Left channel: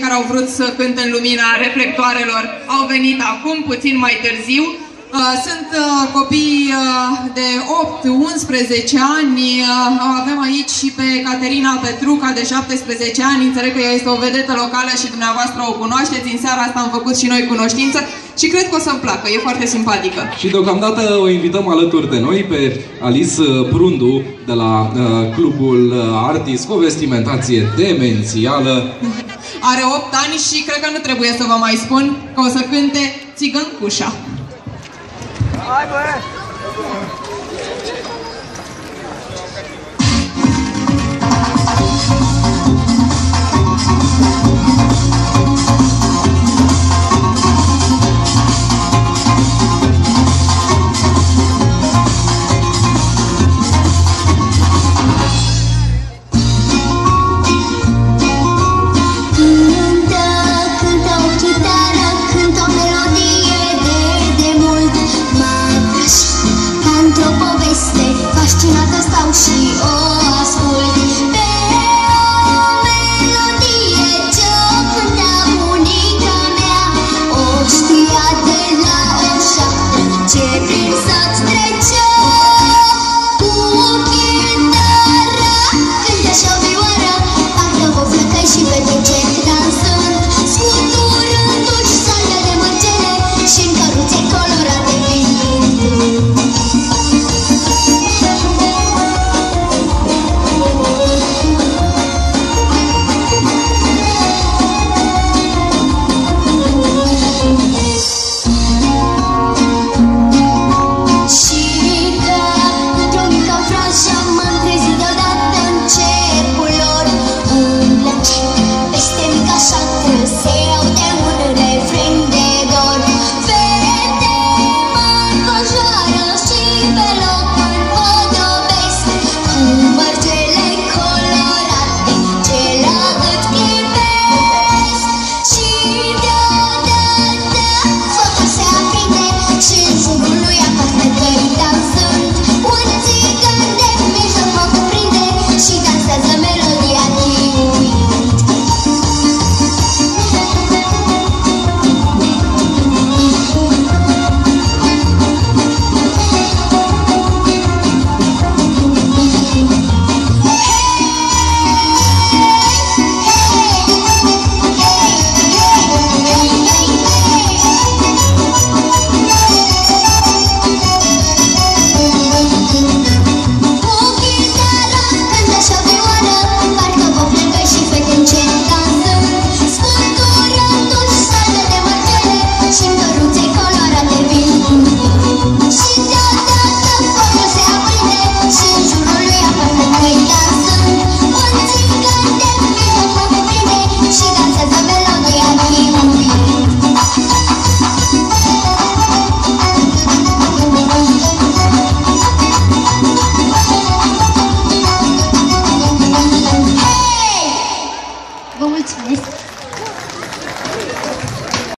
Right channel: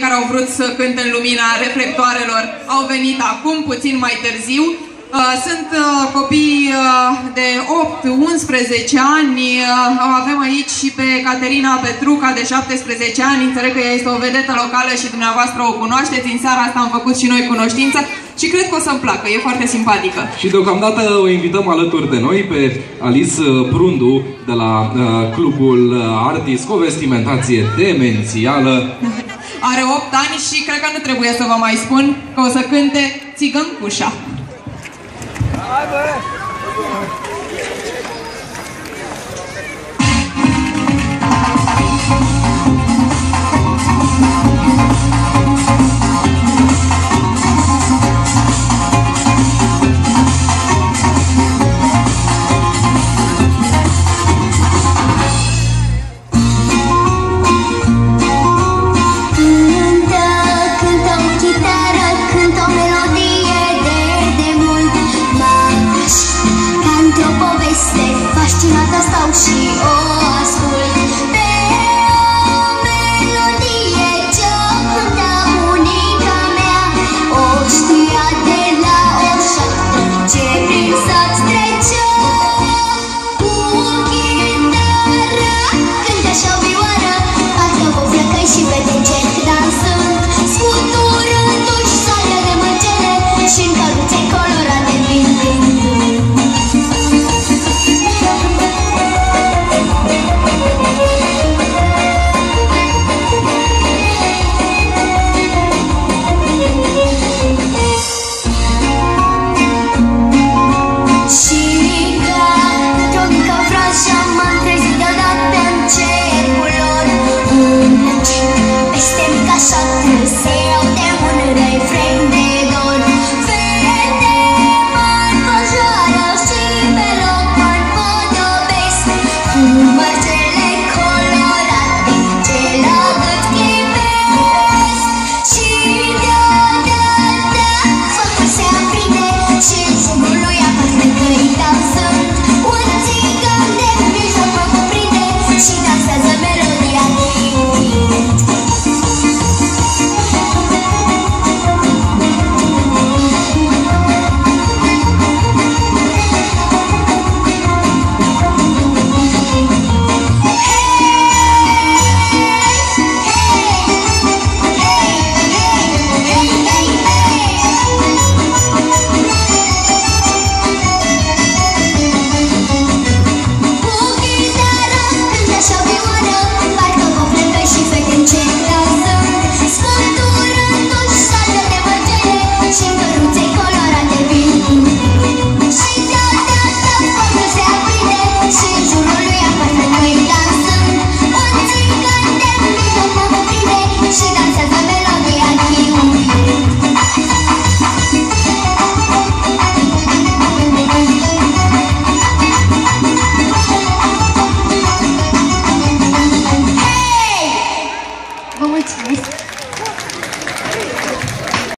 care au vrut să cânte în lumina reflectoarelor au venit acum, puțin mai târziu. Sunt copii de 8-11 ani. Avem aici și pe Caterina Petruca de 17 ani. Înțeleg că ea este o vedetă locală și dumneavoastră o cunoașteți. În seara asta am făcut și noi cunoștință și cred că o să-mi placă. E foarte simpatică. Și deocamdată o invităm alături de noi pe Alice Prundu de la Clubul Artis cu o vestimentație demențială. Are 8 ani și cred că nu trebuie să vă mai spun că o să cânte Țigăncușa. Hai, bă!